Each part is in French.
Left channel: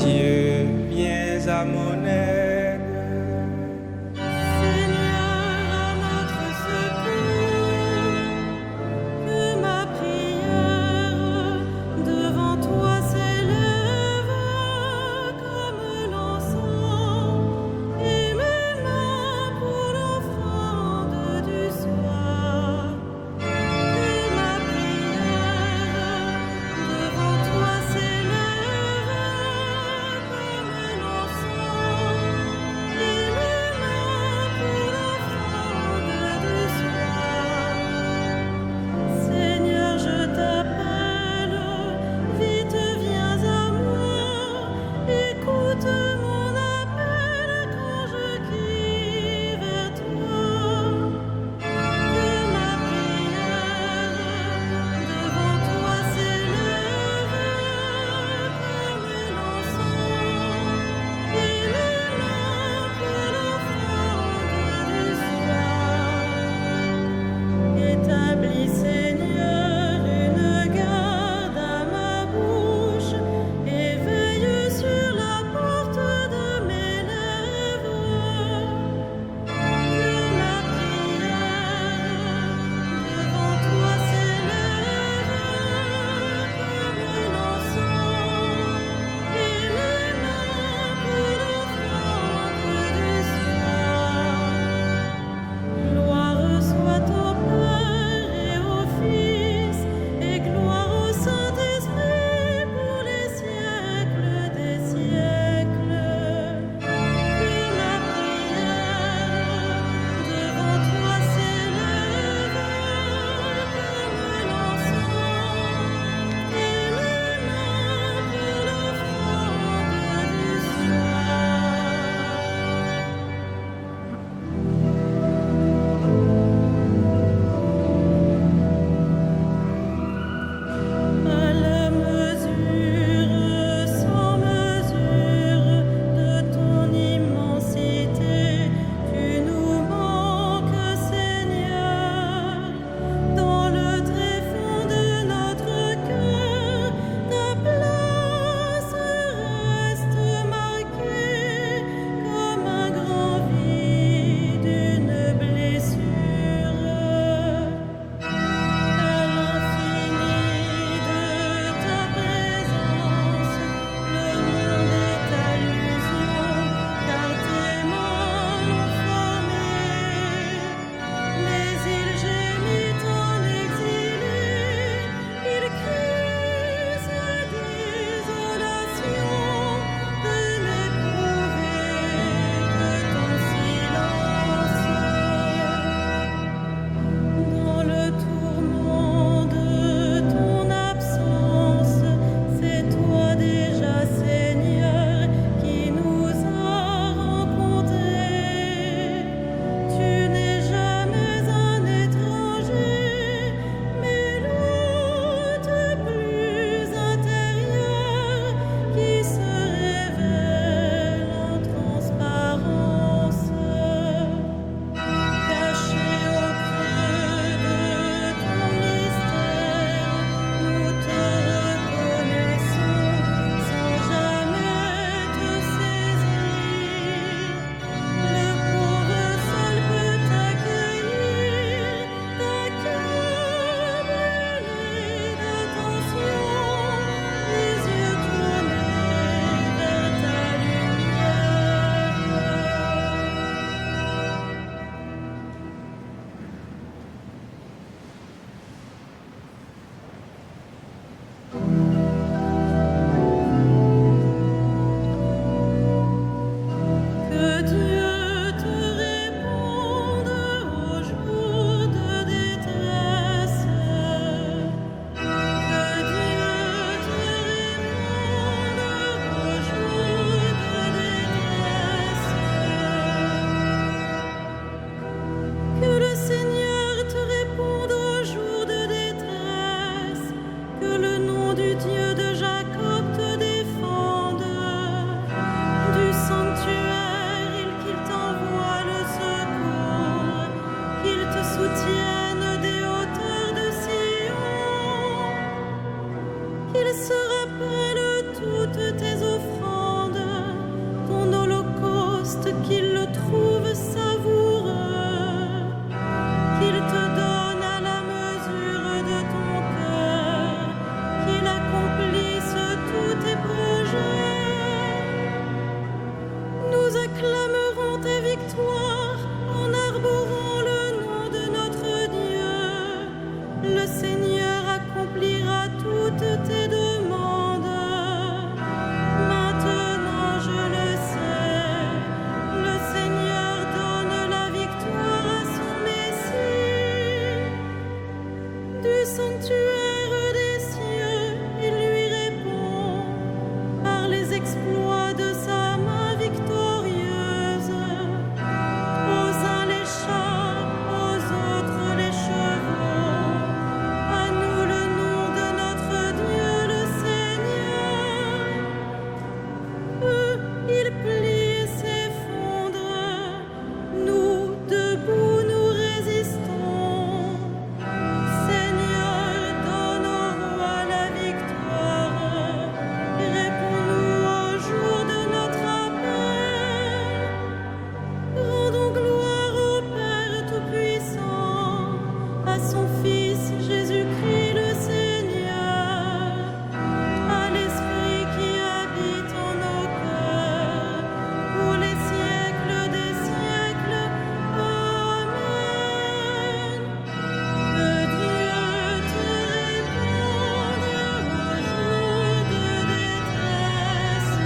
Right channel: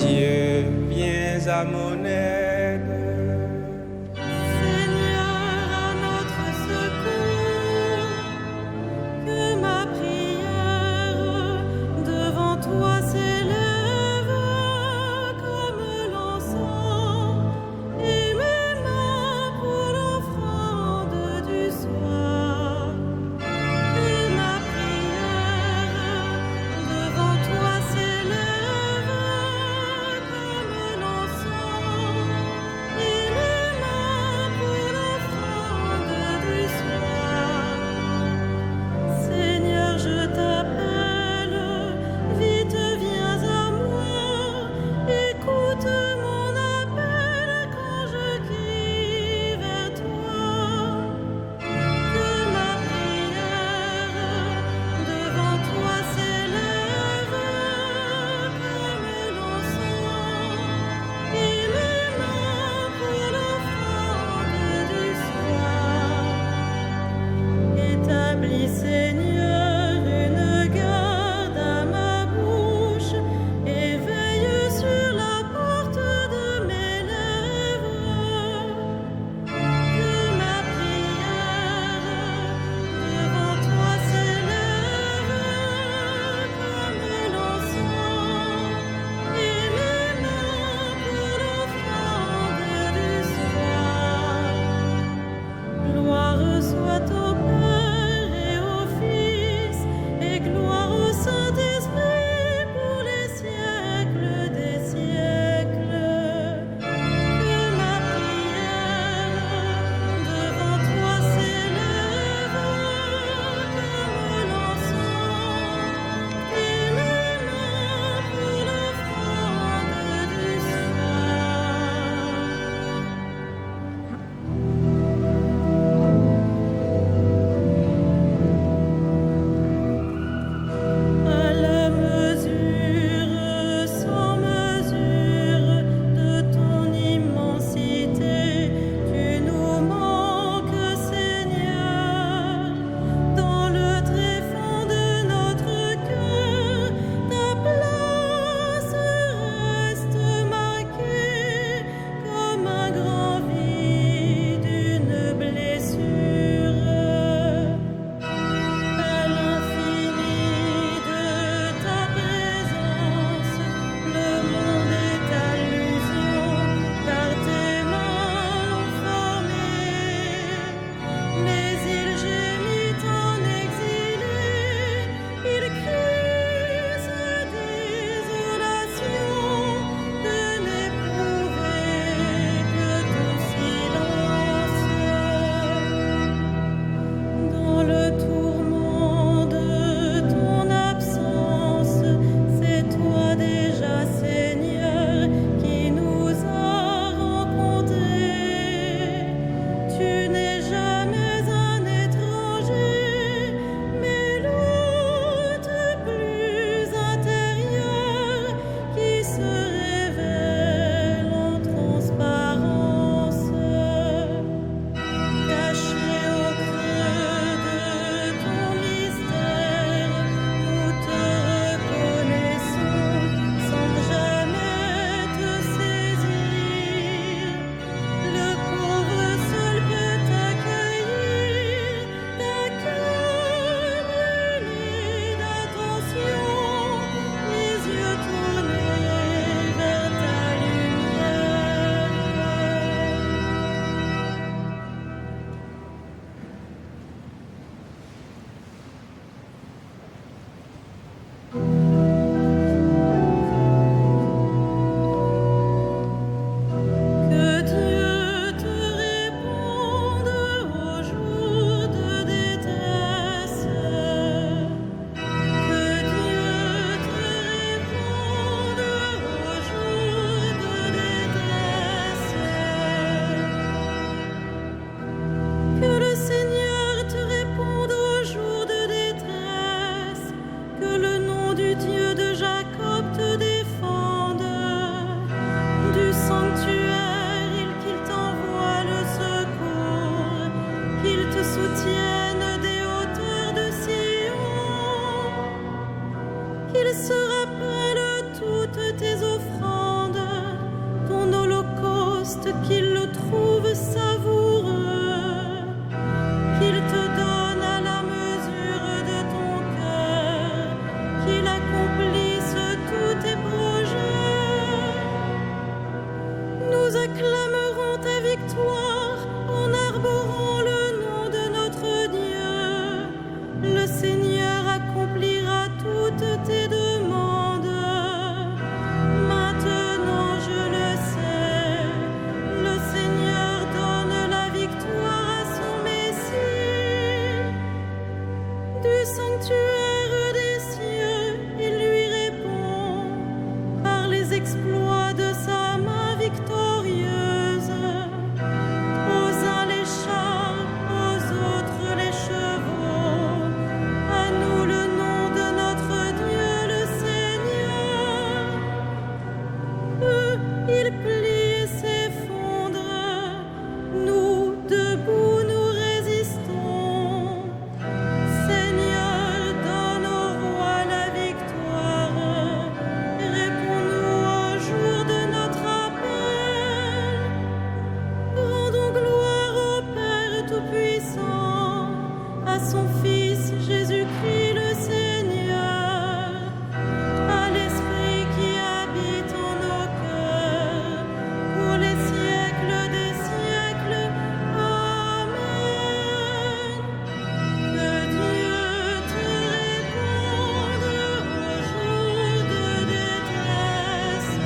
Dieu, viens à mon aide. Seigneur, à notre secours, que ma prière devant toi s'élève comme l'encens et mes mains pour l'offrande du soir. Que ma prière devant toi s'élève comme l'encens et mes mains pour l'offrande du soir. Seigneur, je t'appelle, vite viens à moi, écoute mon appel quand je crie vers toi. Que ma prière devant toi s'élève comme l'encens et mes mains pour l'offrande du soir. Établis, Seigneur, une garde à ma bouche et veille sur la porte de mes lèvres. Que ma prière devant toi s'élève comme l'encens et mes mains pour l'offrande du soir. Gloire soit au Père et au Fils et gloire au Saint-Esprit pour les siècles des siècles. Que ma prière devant toi s'élève comme l'encens et mes mains pour l'offrande du soir. À la mesure, sans mesure de ton immensité, tu nous manques, Seigneur. Dans le tréfonds de notre cœur, ta place reste marquée comme un grand vide, une blessure. À l'infini de ta présence, le monde est allusion, car tes mains l'ont formé. Mais il gémit en exilé, il crie sa désolation de n'éprouver que ton silence. Dans le tourment de ton absence, c'est toi déjà, Seigneur, qui nous a rencontrés. Tu n'es jamais un étranger, mais l'hôte plus intérieur qui se révèle en transparence. Caché au creux de qu'il le trouve savoureux, qu'il te donne à la mesure de ton cœur, qu'il accomplisse tous tes projets. Nous acclamerons ta victoire en arborant le nom de notre Dieu. Le Seigneur accomplira toutes tes demandes. Maintenant, je le sais, le Seigneur donne la victoire à son Messie. Du sanctuaire des cieux, il lui répond par les exploits de sa main victorieuse. Aux uns les chars, aux autres les chevaux. À nous le nom de notre Dieu, le Seigneur. Eux, ils plient et s'effondrent. Nous, debout, nous résistons. Seigneur, donne au roi la victoire. Réponds-nous au jour de notre appel. Rendons gloire au Père Tout-Puissant, à son Fils Jésus-Christ le Seigneur, à l'Esprit qui habite en nos cœurs, pour les siècles des siècles. Amen. Que Dieu te réponde au jour de détresse.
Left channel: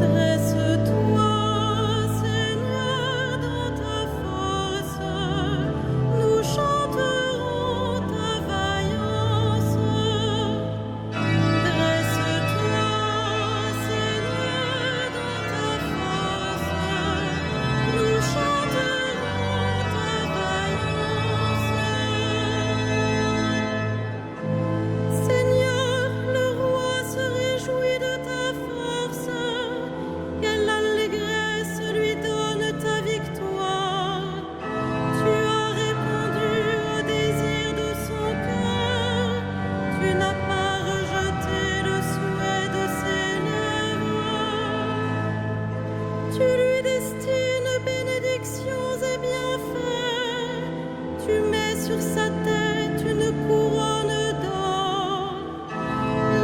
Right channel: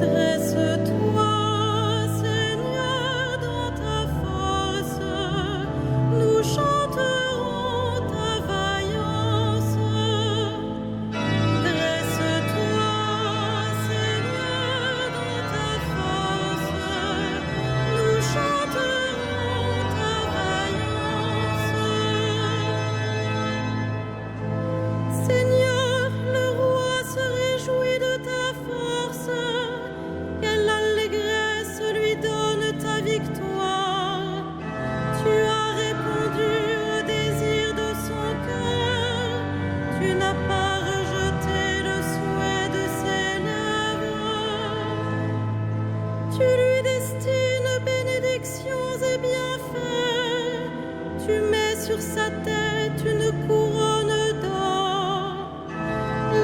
Dresse-toi, Seigneur, dans ta force, nous chanterons ta vaillance. Dresse-toi, Seigneur, dans ta force, nous chanterons ta vaillance. Seigneur, le roi se réjouit de ta force. Quelle allégresse lui donne ta victoire. Tu as répondu au désir de son cœur. Tu n'as pas rejeté le souhait de ses lèvres. Tu lui destines bénédictions et bienfaits. Tu mets sur sa tête une couronne d'or.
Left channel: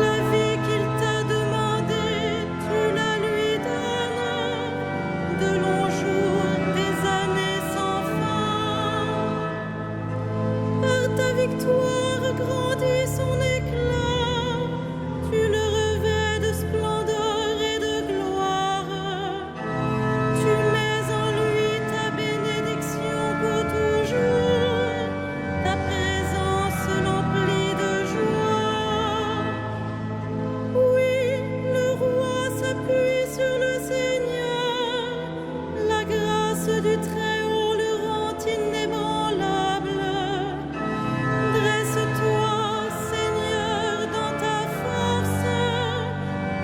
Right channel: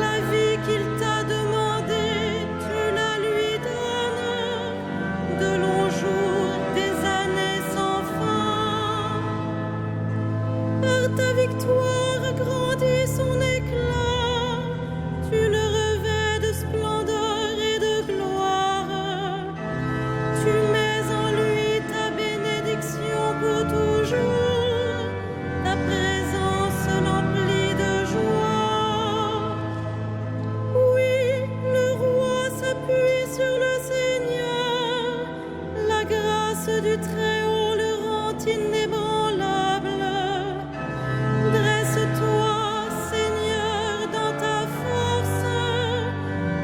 La vie qu'il t'a demandée, tu la lui donnes. De longs jours, des années sans fin. Par ta victoire grandit son éclat. Tu le revêts de splendeur et de gloire. Tu mets en lui ta bénédiction pour toujours. Ta présence l'emplit de joie. grâce du Très-Haut le rend inébranlable. Dresse-toi, Seigneur, dans ta force.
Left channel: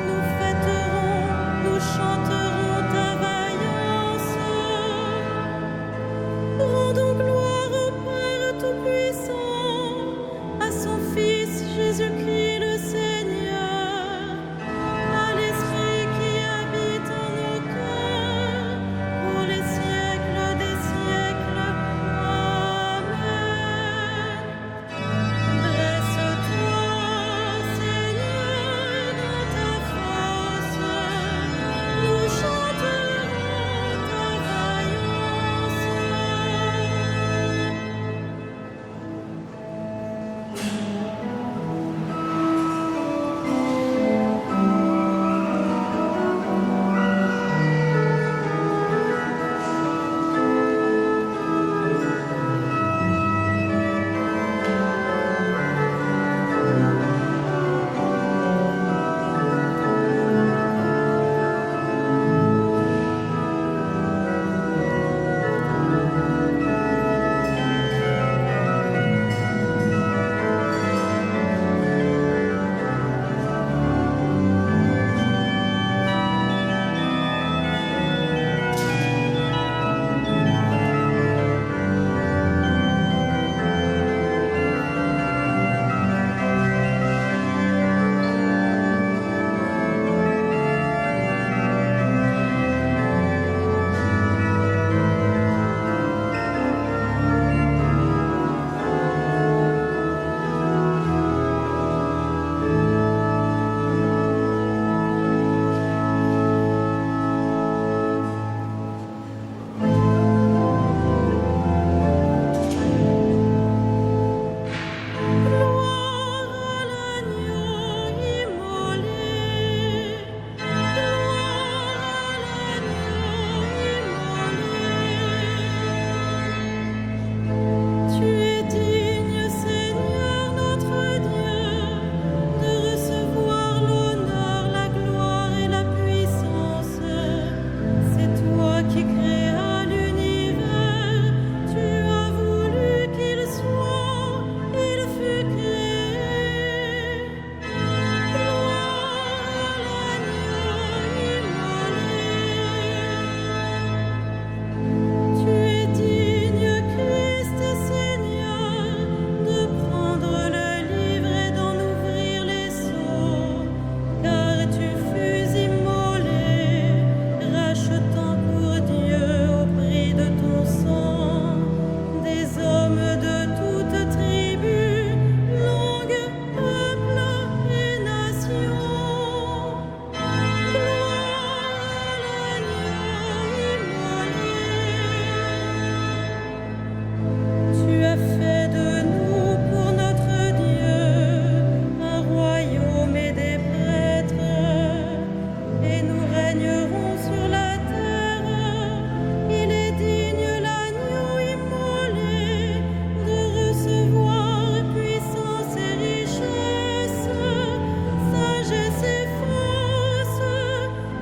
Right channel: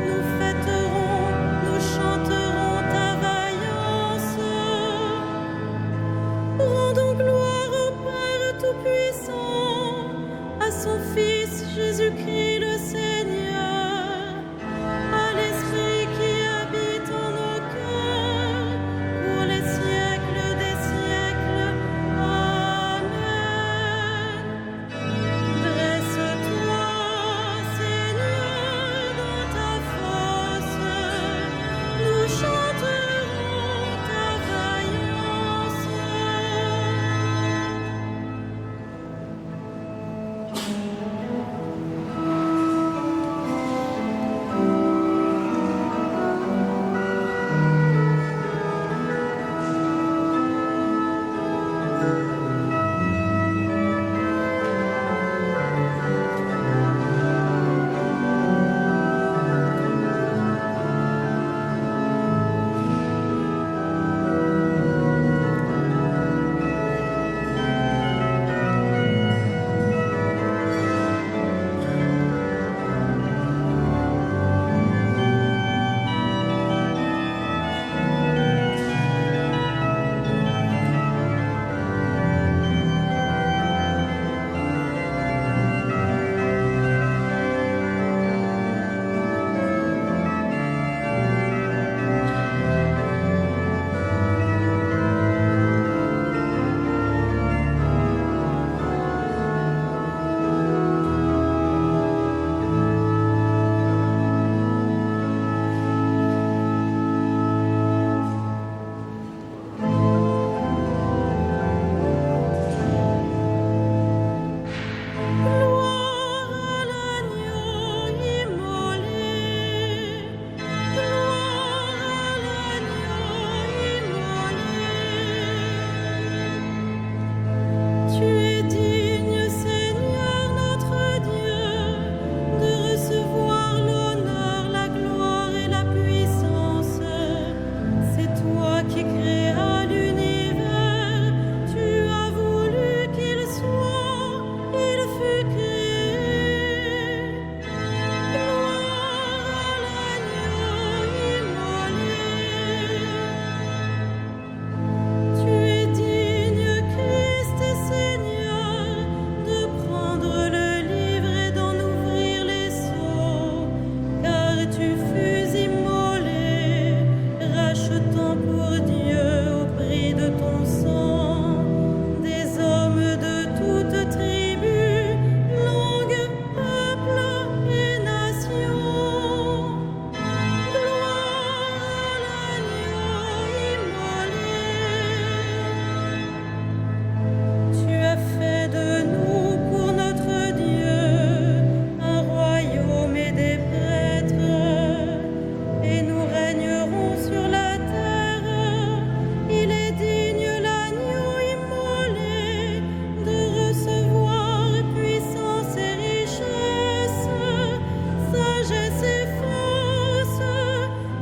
Nous fêterons, nous chanterons ta vaillance. Rendons gloire au Père Tout-Puissant, à son Fils Jésus-Christ le Seigneur, à l'Esprit qui habite en nos cœurs, pour les siècles des siècles. Amen. Dresse-toi, Seigneur, dans ta force, nous chanterons ta vaillance. Gloire à l'agneau immolé, gloire à l'agneau immolé. Tu es digne, Seigneur notre Dieu, de recevoir l'honneur, la gloire et la puissance. C'est toi qui créas l'univers, tu as voulu qu'il soit, il fut créé. Gloire à l'agneau immolé. Tu es digne, Christ Seigneur, de prendre le livre et d'en ouvrir les sceaux, car tu fus immolé, rachetant pour Dieu au prix de ton sang des hommes de toute tribu, langue, peuple et nation. Gloire à l'agneau immolé. Tu as fait de nous pour notre Dieu un royaume et des prêtres, et nous régnerons sur la terre. Il est digne, l'agneau immolé, de recevoir puissance et richesse, sagesse et force,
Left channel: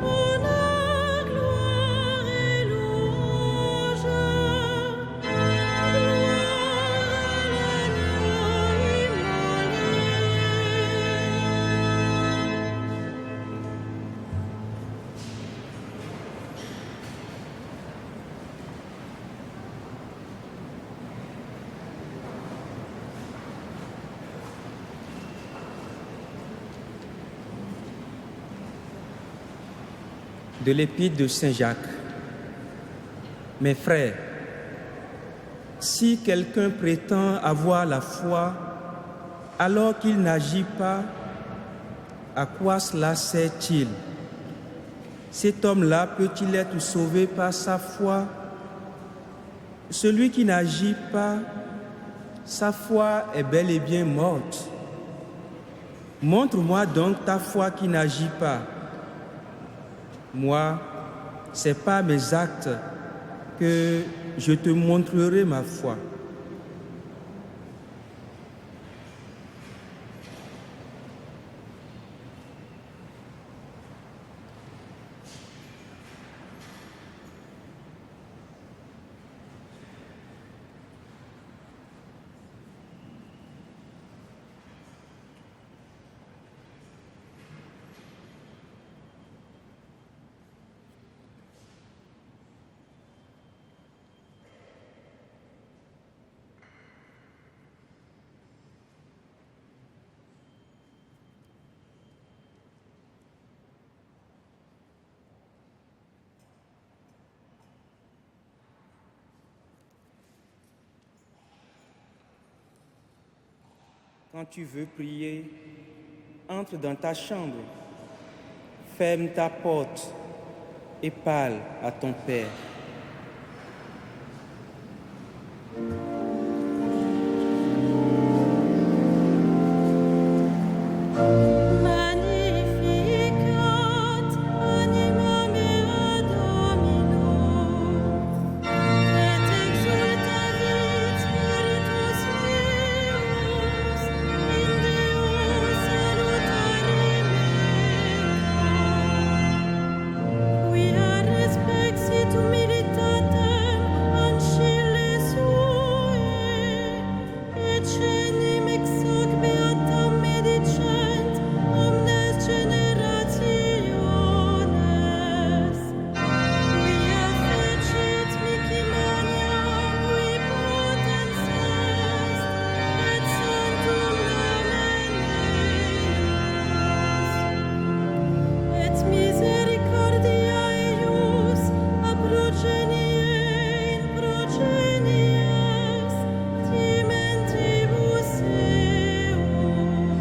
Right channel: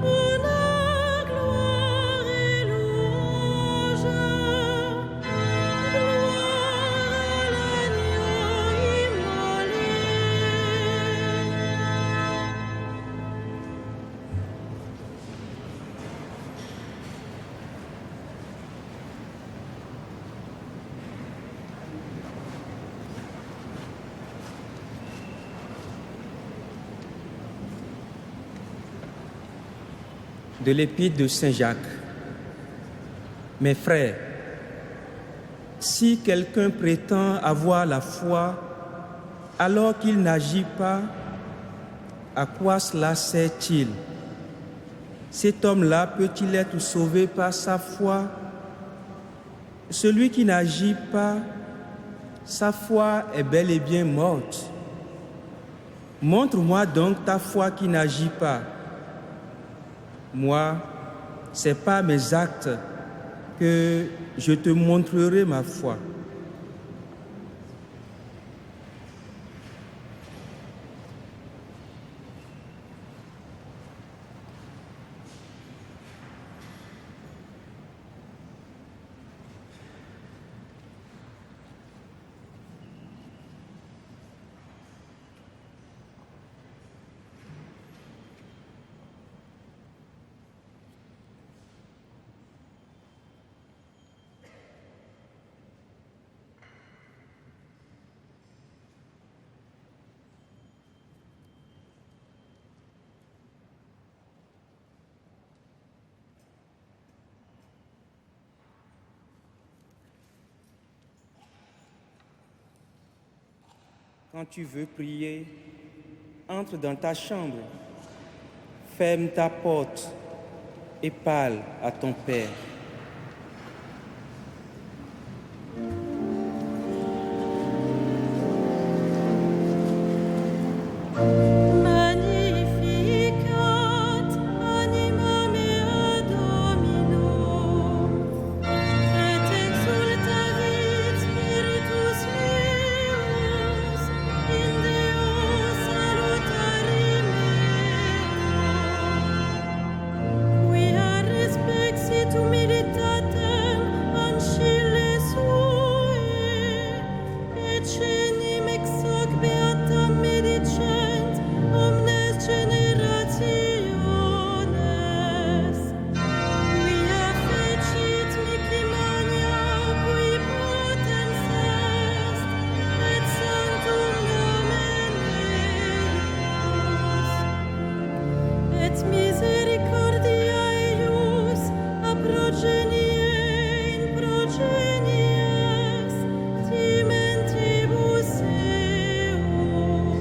honneur, gloire et louange. Gloire à l'agneau immolé. De l'Épître de Saint Jacques. Mes frères, si quelqu'un prétend avoir la foi alors qu'il n'agit pas, à quoi cela sert-il? Cet homme-là peut-il être sauvé par sa foi? Celui qui n'agit pas, sa foi est bel et bien morte. Montre-moi donc ta foi qui n'agit pas. Moi, c'est par mes actes que je te montrerai ma foi. Quand tu veux prier, entre dans ta chambre, ferme ta porte et parle à ton Père. Magnificat animam ea Dominum, et exultavit spiritus meus in Deo salutari meo, quia respexit humilitatem ancille sue, et cenim ex hoc beatam medicent omnes generationes, quia fecit mihi magna qui potens est, et sanctum nomen eius, et misericordia eius a progenie in progenies timentibus eum,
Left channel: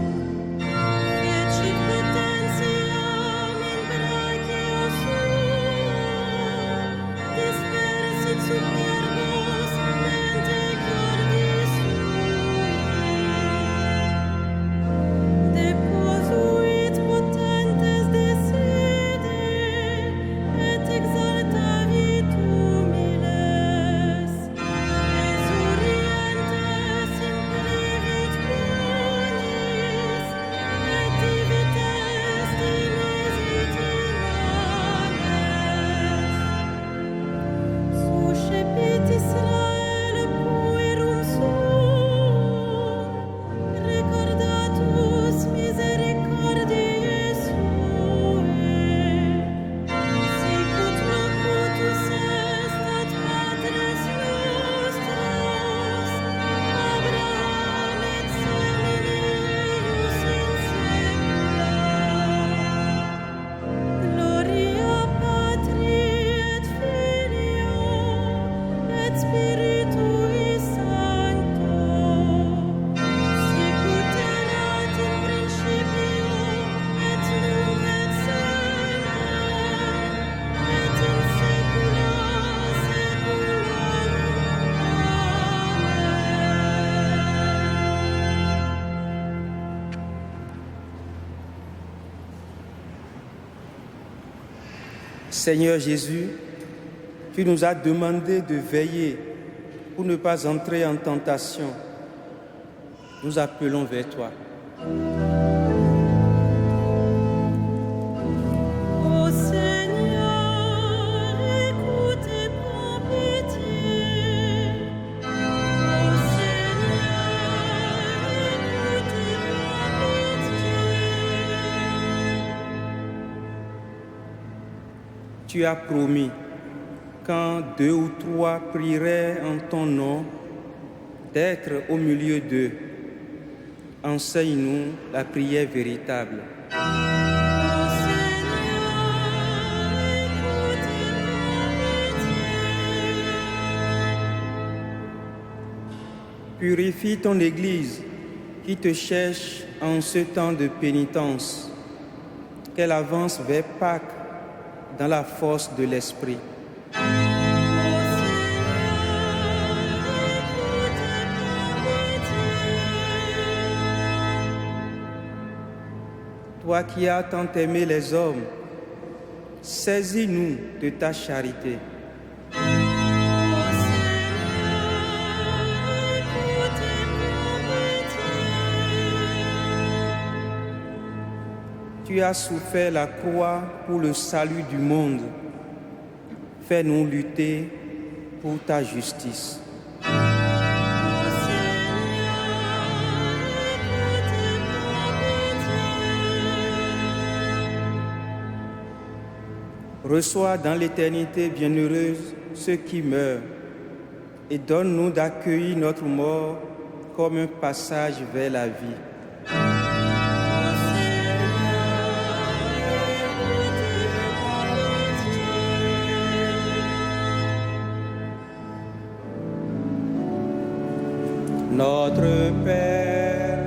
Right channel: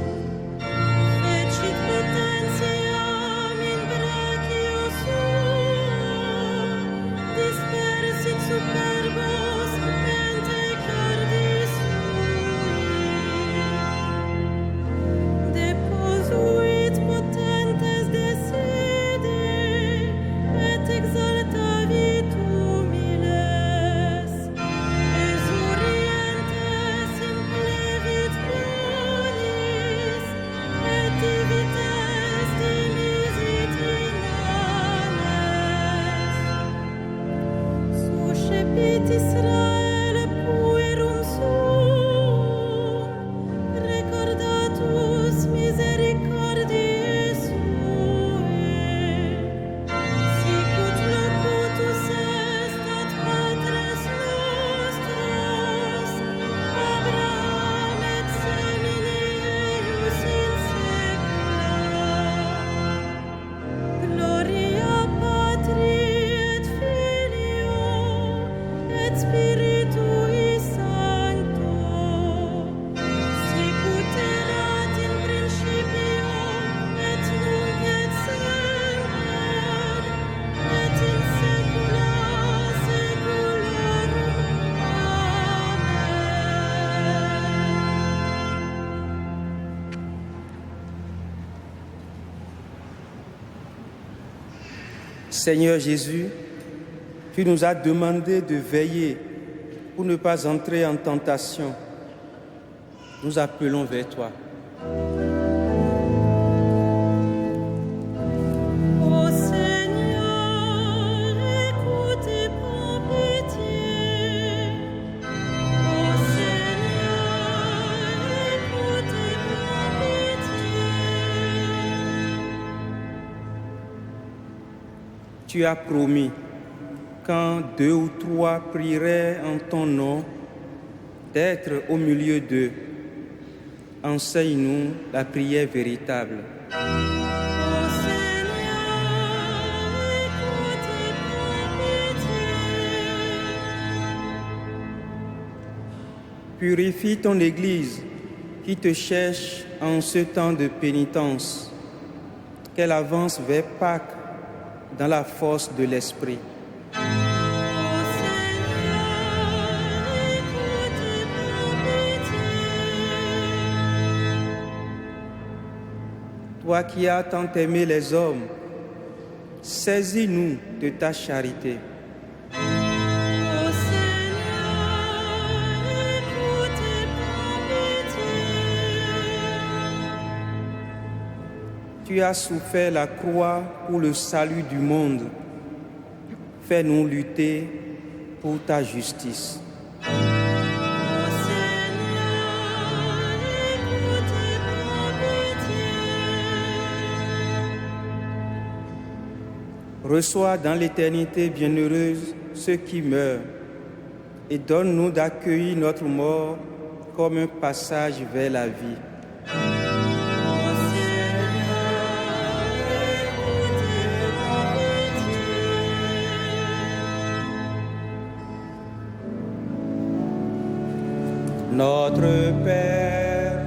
fecit potentiam in brachio suo, dispersit superbos mente cordis sui, deposuit potentes de sede, et exaltavit humiles, exurientes implevit bonis, et divites dimisit inanes. Suscepit Israel puerum suum, recordatus misericordiae suae, sicut locutus est ad patres nostros, Abraham et semini eius in saecula. Gloria Patri et Filio et Spiritui Sancto, sicut erat in principio et nunc et semper et in saecula saeculorum. Amen. Seigneur Jésus, tu nous as demandé de veiller pour ne pas entrer en tentation. Nous appelons vers toi. Ô Seigneur, écoute et prends pitié. Ô Seigneur, écoute et prends pitié. Tu as promis, quand 2 ou 3 prieraient en ton nom, d'être au milieu d'eux. Enseigne-nous la prière véritable. Ô Seigneur, écoute et prends pitié. Purifie ton Église qui te cherche en ce temps de pénitence, qu'elle avance vers Pâques dans la force de l'Esprit. Ô Seigneur, écoute et prends pitié. Toi qui as tant aimé les hommes, saisis-nous de ta charité. Ô Seigneur, écoute et prends pitié. Tu as souffert la croix pour le salut du monde. Fais-nous lutter pour ta justice. Ô Seigneur, écoute et prends pitié. Reçois dans l'éternité bienheureuse ceux qui meurent et donne-nous d'accueillir notre mort comme un passage vers la vie. Ô Seigneur, écoute et prends pitié. Notre Père,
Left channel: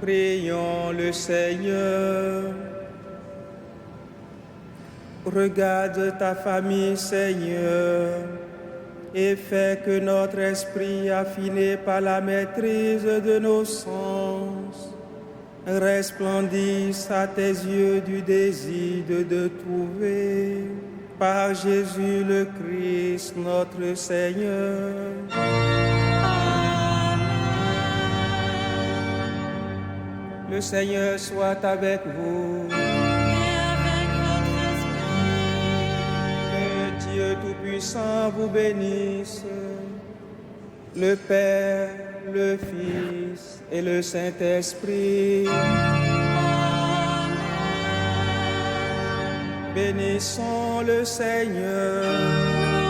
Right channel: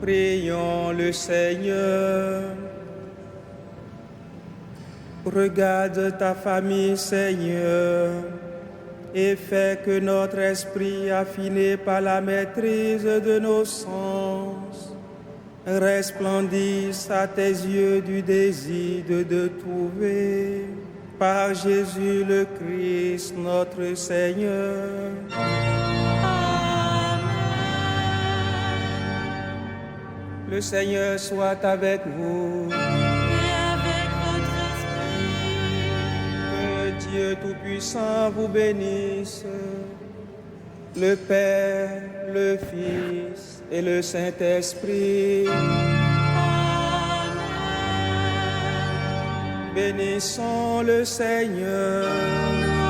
Prions le Seigneur. Regarde ta famille, Seigneur, et fais que notre esprit, affiné par la maîtrise de nos sens, resplendisse à tes yeux du désir de trouver, par Jésus le Christ, notre Seigneur. Amen. Le Seigneur soit avec vous. Et avec votre esprit. Que Dieu Tout-Puissant vous bénisse, le Père, le Fils et le Saint-Esprit. Amen. Bénissons le Seigneur. Nous